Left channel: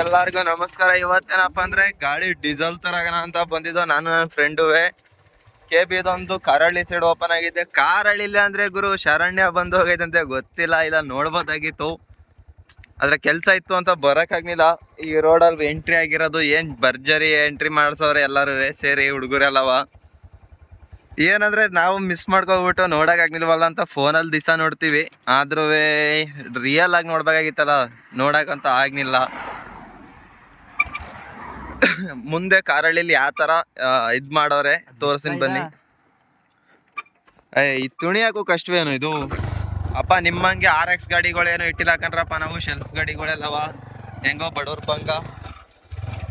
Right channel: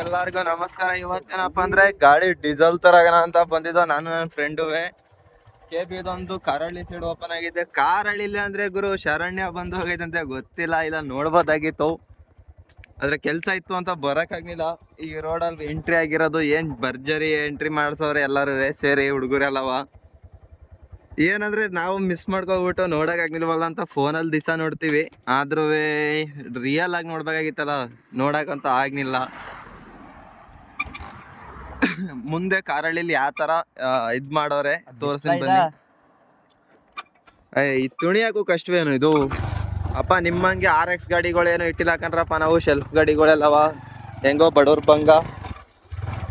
ಎಲ್ಲಾರ್ಗು ನಮಸ್ಕಾರ. ಇವತ್ತೇನಪ್ಪ ಅಂದ್ರೆ ಗಾಡಿ ಡೀಸೆಲ್ ತರಗಣ ಅಂತ ಬಂದಿದ್ದು ನಾನು ನನ್ನ ಫ್ರೆಂಡುವೆ. KB ಇದೊಂದು ಕಾರಹಳ್ಳಿ ಸೈಡ್ ಓಪನ್ ಆಗಿದೆ. ಕಾರಹಳ್ಳಿಲಿ ಅಂದ್ರೆ ಗುರು ಶರಣ್ಯ ಬಂದು ಹೋಗೈತಂತೆ, ಗೊತ್ತಿಲ್ಲ, ಇಲ್ಲ ನೋಡ್ಬೋದಾಗಿತ್ತು ಆದ್ರೆ ಕೆಲ್ಸ ಇತ್ತು ಅಂತ ಬರಕ್ಕಾಗ್ಲಿಲ್ಲ. ಈ ರೋಡಲ್ಲಿ ಎಂಟ್ರಿ ಆಗಿರೋದು ಏನ್ ಭರ್ಜರಿ ಎಂಟ್ರಿ ಮಾಡ್ಸವ್ರೆ ಎಲ್ಲರೂ ಸೇರಿ ಹುಡುಗರೆಲ್ಲವ. ಏನಂದ್ರೆ ನಾವು ಮಿಸ್ ಮಾಡ್ಕೊಬಿಟ್ಟು ನೋಡಕ್ ಆಗ್ಲಿಲ್ವಲ್ಲ ಅಂತ ಫೋನಲ್ಲಿ ದಿವಸ ನೋಡ್ತೀವಿ, ಆದ್ರೂ ರಿಯಲ್ ಆಗಿ ನೋಡ್ಬೇಕಾಗಿತ್ತಲ್ಲ, ನೋಡಕ್ಕಂತ ಆಗ್ಲಿಲ್ಲ. ಮುಂದೆ ಕಾರಹಳ್ಳಿಲಿ ಯಾವ ತರ ಇದ್ ಮಾಡೋರೆ ತೋರ್ಸಿನ್ ಬನ್ನಿ. ಈ ತುಣಿಯಾಕು ಕಷ್ಟವೇನು ಇದು ಅಪ್ಪ, ನಿಮ್ಮಂಗೆ RX ಗಾಡಿಗಳೇನು ಇಟ್ಟಿಲ್ಲ ಕಣ್ರಪ್ಪ. ನಾವು ಶೆಲ್ಫ್ ಗಾಡಿಗಳೆಲ್ಲವ ಹೆಂಗೋ ಬಡವ್ರ ಬಂಗ,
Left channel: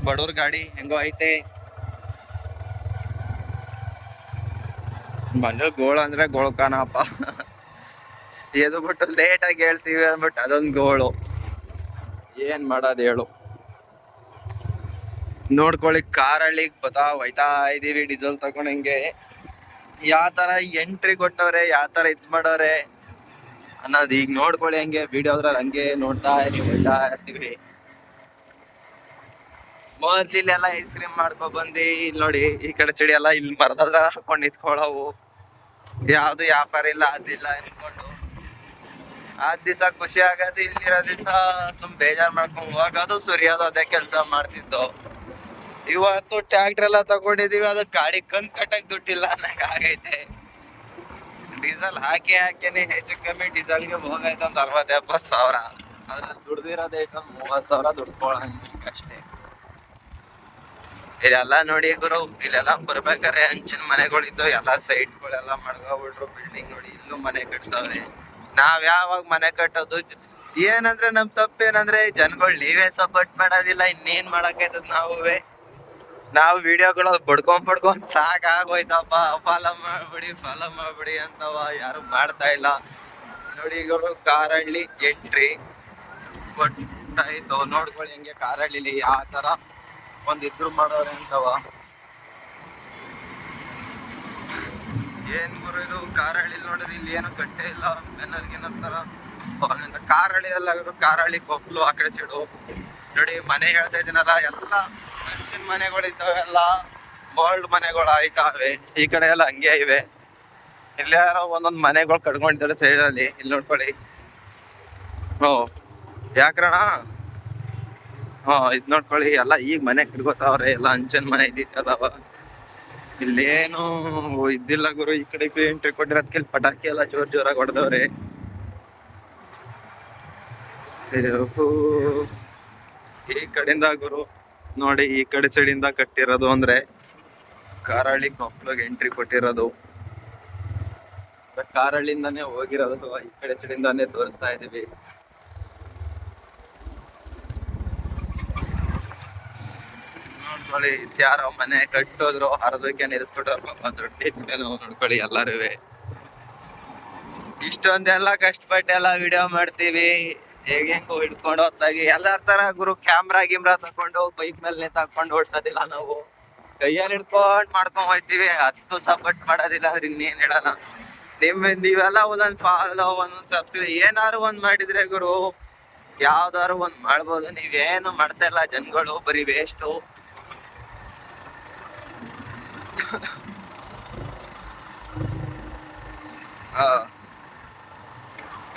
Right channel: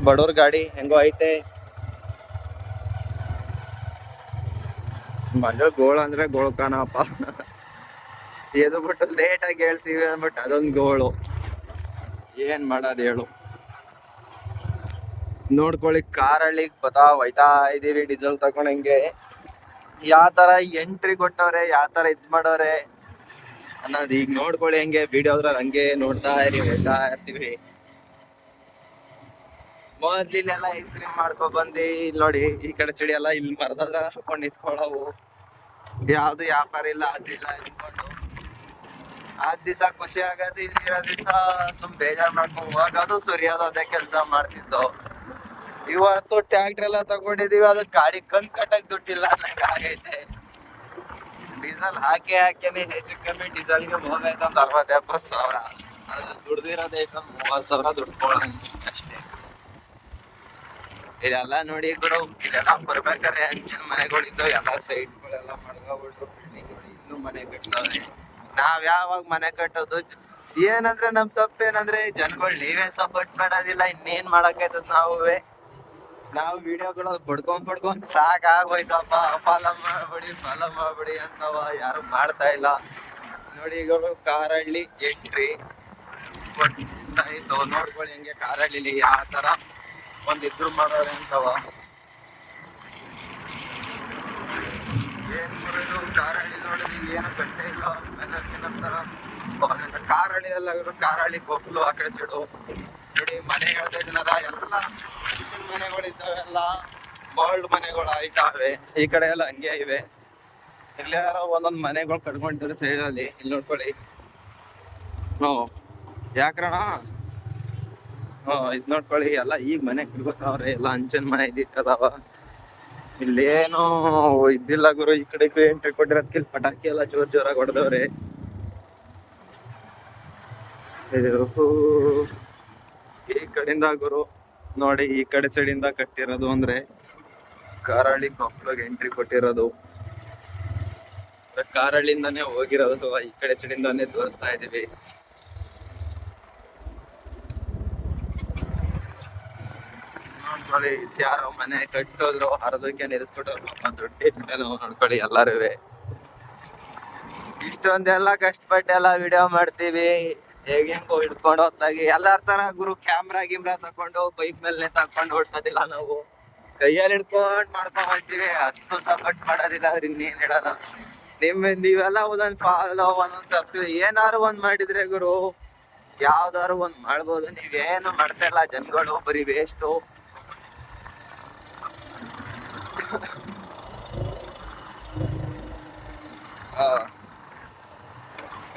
ಬಡವ್ರ ಗಾಡಿ ಹೆಂಗೋ ಐತೆ. ಮನೆ ಗೋಳು ಅಂದ್ರೆ ಗೋಳ್ಕಾನಪ್ಪ. ಎದು ಬಿಟ್ಟು ಲೇಟ್ ಆಗಿ ಹೇಳ್ತೀವಿ ಅಂದ್ಬಿಟ್ಟು ಅದೊಂದು ಗೋಳು. ಏನ್ ಮಾಡೋದು ಹೇಳು. ನೋಡ್ಕೊಳ್ಳಿ, ಕಾರಹಳ್ಳಿಗೆ ಹೋಯ್ತಾ ಇದೀವಿ ಡೀಸೆಲ್ ತಗೊಂಡಂಗೆ. ಯಾವ ತರ ಎಂಟ್ರಿ ಕೊಟ್ಟವ್ರೆ, ಯಾವ ತರ ಇದ್ ಮಾಡವ್ರೆ ಅನ್ನೋದು ಈಗ ನೋಡ್ಕೊಳ್ಳಿ. ಹಂಗೆ ವಿಡಿಯೋದ್ರಲ್ಲಿ ಹಂಗೆ ನೋಡ್ತಾ ಹೋಯ್ತಾ ಇರ್ತೀವಿ. ಮೊದ್ಲಿಲ್ಲೆಲ್ಲ ಐಸ್ ಕ್ರೀಮ್ ಮಾಡ್ಕೊ ಬಂದು ಇಲ್ಲಿ ನೋಡಿ, ಈ ಕಡೆ ಚಳಿ ಎಲ್ಲ ಇಲ್ಲಿ ಮರದದ್ರ ಹಾಕೊಂಡು ನಿಂತ್ಕೊಳ್ಳವು. ಯಾವ್ದು ವ್ಯಾಪಾರ ಇಲ್ಲ, ಅದಿಲ್ಲ ಅನ್ಕೊಂಡು ದಿವಸ ಖುಷಿ ಆಗದು. ಇಲ್ಲಿರೋ ದಿವಸ ಸುಮ್ ಬೇಜಾರ್ ಮಾಡ್ಕೊಂಡು ಹೋಗೋದು, ಸುರಿಯೋದು, ಅದೇ ಕೆಲಸ ಮಾಡ್ತಿದ್ದೋ. ಇವತ್ತು ಟ್ರ್ಯಾಕ್ಟರ್ ಎಲ್ಲ ತಗೊಂಡಿದೀವಿ, ಅದು ಗಾಡಿ ಕಂತ್ ಕಟ್ಟಕ್ ದುಡ್ಡಿಲ್ಲ ಅನ್ನಂಗ ಆಗೈತೆ. ಡೀಸೆಲ್ ಹಾಕಿನೇ ಹೆಚ್ಚು ಕಮ್ಮಿ ಡೀಸೆಲ್ಗೆ ಹೋಗೈತೆ ಒಂದು 60-70 ಸಾವಿರ. ಅದ್ರಲ್ಲಿ ದುಡ್ದಿರೋದೇ 30 ಸಾವಿರ ದುಡ್ಕೊಳ್ಳಂಗ ಅಷ್ಟೇ. ಇದೆಲ್ಲ ನೋಡಿ ಗುರು, ಇಲ್ಲೆಲ್ಲ ಬರ್ಬೇಕಾರೆ ಹಂಚಿನ ಮನೆಗಳಿದ್ದು ಎಲ್ಲ ಸೈಟ್ಗಳೆಲ್ಲ ಮಡ್ಕೊಬಿಟ್ರು. ಬಿಲ್ಡಿಂಗ್ ನೋಡಿ, ಇಲ್ಲೂ ಮನೆ ಕಟ್ತಾವ್ರೆ. ನಾವ್ ಯಾವಾಗ ಮನೆ ಕಟ್ಟೋದು? ಏನಂದ್ರೆ ನಮ್ ತಪ್ಪೇನಂದ್ರೆ ಜನಗಳು ನೀವೇ ಸಪೋರ್ಟ್ ಮಾಡೋದಿಲ್ಲ, ಇನ್ನೇನ್ ಮಾಡಕೈತದ. ನಾವು ವಿಡಿಯೋಗಳು ಬಡ್ಕೊಂಡ್ ಸಾಕಾಗೋಯ್ತಪ್ಪ. ಫಾಲೋ ಮಾಡ್ಬಿಡಿ ಅಂತವ, ಯಾರು ಮಾಡ್ತಾ ಇಲ್ಲ ನೋಡಿ. ಈಗ ಕಾರಹಳ್ಳಿ ಎಂಟ್ರಿ ಕೊಟ್ಟಾಯ್ತು, ನೋಡ್ಕೊಳ್ಳಿ ಹಂಗೆ ಕಾರಹಳ್ಳಿಲಿ ಯಾವ ತರ ಒಂದಿದ್ರು ಮಾಡೋರೆ ಅಂತವ. ಏನ್ ಗುರು ಕಾರಹಳ್ಳಿ ನೋಡಿದ್ರೆ ಇಲ್ಲಿ ಏನೋ ಕಟ್ಟೆ ಇಲ್ಲ ಏನಂತಾರ. ಕಾರಹಳ್ಳಿ ಎಲ್ಲಾದ್ರು ಕಾರಹಳ್ಳಿ ಕೊಪ್ಪಲು ಆ ಕಡೆ ಸೈಡು ನೋಡಿ ಮನೆ ಹೇಳ್ತಾ ಇದೀನಲ್ಲ, ಎಲ್ಲ ಹಂಚಿನ ಮನೆಗಳು ಇದ್ದಾವೆ, ಎಲ್ಲ ಬೋಲ್ಡ್ ಮನೆಗಳು ಆಯ್ತಾವೆ. ಈ ಕಡೆ ಎಲ್ಲ ಹಂಗೆ ಇವೆ. ಇಲ್ಲಿ ಯಾರೋ ಒಂದೊಂದ್ ಮನೆಗಳು ಕಟ್ಕೊಂಡಿದ್ದಾರೆ ಸೈಡಲ್ಲಿ. ಇಲ್ಲಿ ನೋಡ್ಕೊಳ್ಳಿ. ಯಾಕ್ರಣ ಇದ್ ನೋಡ್ಕೊಳ್ಳಿ, ಎಲ್ಲ ಈಗ ಮನೆ ಕಟ್ಕೋತಾವ್ರೆ. ಎಲ್ಲ ಹಂಚಿನ ಮನೆ ಇದ್ದಿತ್ತದವ, ಇಲ್ಲೇನು ಇದ್ದಿಲ್ಲ ಗುರು. ಈ ಕಡೆ ಎಂಟ್ರಿ ಕೊಟ್ಟಿರೋದಕ್ಕೆ ಪಟಾಕಿ ಎಲ್ಲ ಜೋರಾಗಿ ಹೊಡೆದವ್ರೆ. ಈ ಕಡೆಯಿಂದ ಗುರು ನೋಡಿ, ಈ ಕಡೆ ಸೈಡಿಂದ ಕಟ್ಟಿರೋದು ಅಂದ್ರೆ ಕಾರಹಳ್ಳಿ ಕೊಪ್ಪಳಿಗೆ ಎಂಟ್ರಿ ಕೊಟ್ಟಿರೋದು. ಕಾರಹಳ್ಳಿಂದಾನೇ ಹೋಗಿರೋದು, ಈ ಕಡೆ ಸೈಡಿಂದಾನೇ ತೋರಿಸ್ತಾ ಇದೀವಿ. ನೋಡ್ಕೊಳ್ಳಿ, ಯಾರೋ ಮನೆ ಕಟ್ಟೋದ್ರು ಅರ್ಧಕ್ಕೆ ನಿಲ್ಲಿಸ್ಬಿಟ್ಟವ್ರು. ದುಡ್ಡು ನೋಡ್ಕೊಳ್ಳಿ ಎಲ್ಲಾರು. ಇಷ್ಟೊಂದೆಲ್ಲ ಕಷ್ಟಪಟ್ಟೆಲ್ಲ ವಿಡಿಯೋ ಮಾಡ್ತೀವಿ, ಹೆಂಗೋ ಹಿಡ್ಕೊಂಡು ಹೋದಾಗಿ ಎಲ್ಲಾರ ತರ ಗುರು. ಕ್ಯಾಮ್ರಾ ತಕೊಂಡು ಬೈಕ್ ಮೇಲೆ ತಕೊಂಡು ಓಡ್ಸೋದಿಲ್ಲ ನಾವು, ಕೈಯಲ್ಲಿ ಹಿಡ್ಕೊಂಡ್ ಮಾಡ್ಕೊಂಡ್ ಹೋಗ್ತೀವಿ. ಅದಕ್ಕೂ ಸಪೋರ್ಟ್ ಮಾಡೋದಿಲ್ಲ. ಇನ್ನೇನ್ ಹೇಳೋಣ. ನೀವೆಲ್ಲ ಒಂದೊಂದ್ ಫಾಲೋ, ಒಂದೊಂದ್ ಸಬ್ಸ್ಕ್ರೈಬ್ ಏನಾರು ಒಂದ್ ಮಾಡಿದ್ರೆ ಗುರು, ಯಾವ್ದಾರು ಒಂದ್ ಮಾಡ್ಬೋದು. ನೀವೇನು ಮಾಡ್ತಾ ಇಲ್ಲ ಜನಗಳು, ಬರೀ ವೇಸ್ಟು.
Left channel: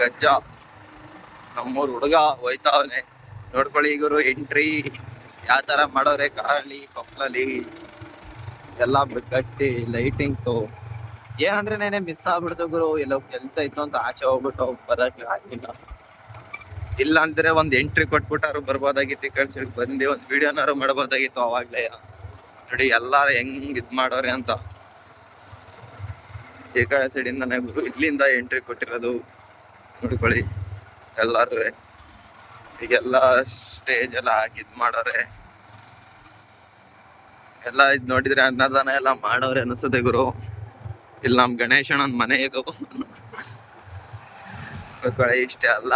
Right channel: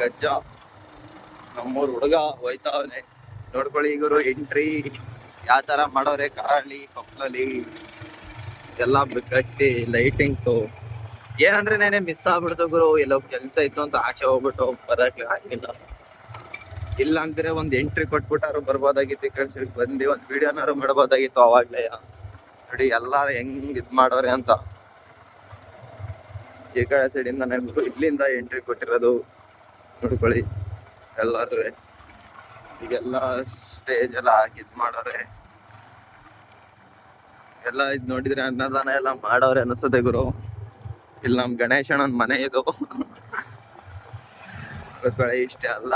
ಗಜ್ಜ ನಮ್ಮೂರ್ ಹುಡುಗ ಹೋಯ್ತಾವನೆ. ನೋಡ್ಕೊಳ್ಳಿ ಗುರು ಎಂಟ್ರಿ ಯಾವ ತರ ಮಾಡೋರೆ ಕಾರಹಳ್ಳಿ ಕೊಪ್ಪಳಲ್ಲಿ. ಎಲ್ಲ ಕಟ್ಟಿ ಲೈಟಿಂಗ್ಸು. ಏನಂದ್ರೆ ನೆನೆ ಮಿಸ್ ಆಗ್ಬಿಡ್ತು ಗುರು, ಎಲ್ಲೋ ಕೆಲ್ಸ ಇತ್ತು ಅಂತ ಆಚೆ ಹೋಗ್ಬಿಟ್ಟು ಬರಕ್ಕೆ ಆಗಿಲ್ಲ. ಇಲ್ಲ ಅಂದ್ರೆ ಒಂದ್ ಎಂಟ್ರಿ ಕೊಟ್ಬಿಟ್ಟಾರು ಬರ್ಬೋದಾಗಿತ್ತು. ಈ ಕಡೆ ಸೈಡ್ ಬಂದು ಒಂದ್ ವಿಡಿಯೋನಾರು ಮಾಡ್ಬೋದಾಗಿತ್ತು ಅವಾಗ್ಲೇ. ನೋಡಿ ಎಲ್ಲಾರು ಹೆಂಗ್ ಇದ್ ಮಾಡೋರೆ ಅಂತ. ಈ ಕಡೆ ಸೈಡಿಂದ ಇಲ್ಲಿಂದ ಎಂಟ್ರಿ ಕೊಟ್ಟಿರೋದು ನೋಡ್ಕೊಳ್ಳಿ ಎಲ್ಲಾರು. ಈಗೆಲ್ಲ ಸ್ಟೇಜ್ ಎಲ್ಲ ಹಾಕಿ ಇದ್ ಮಾಡೋರೆ. ಎಲ್ಲ ಇದ್ ನೋಡಿದ್ರೆ ಅನ್ನದಾನ ಎಲ್ಲ ಮಾಡೋರೆ ಅನ್ಸುತ್ತೆ ಗುರು. ಇಲ್ಲಿ ನಮ್ ಗಣೇಶನ ಒಂದ್ ಮನೆ ಇದು. ಗೊತ್ತೊಳೆ ಇಷ್ಟೇ ಅಲ್ಲ.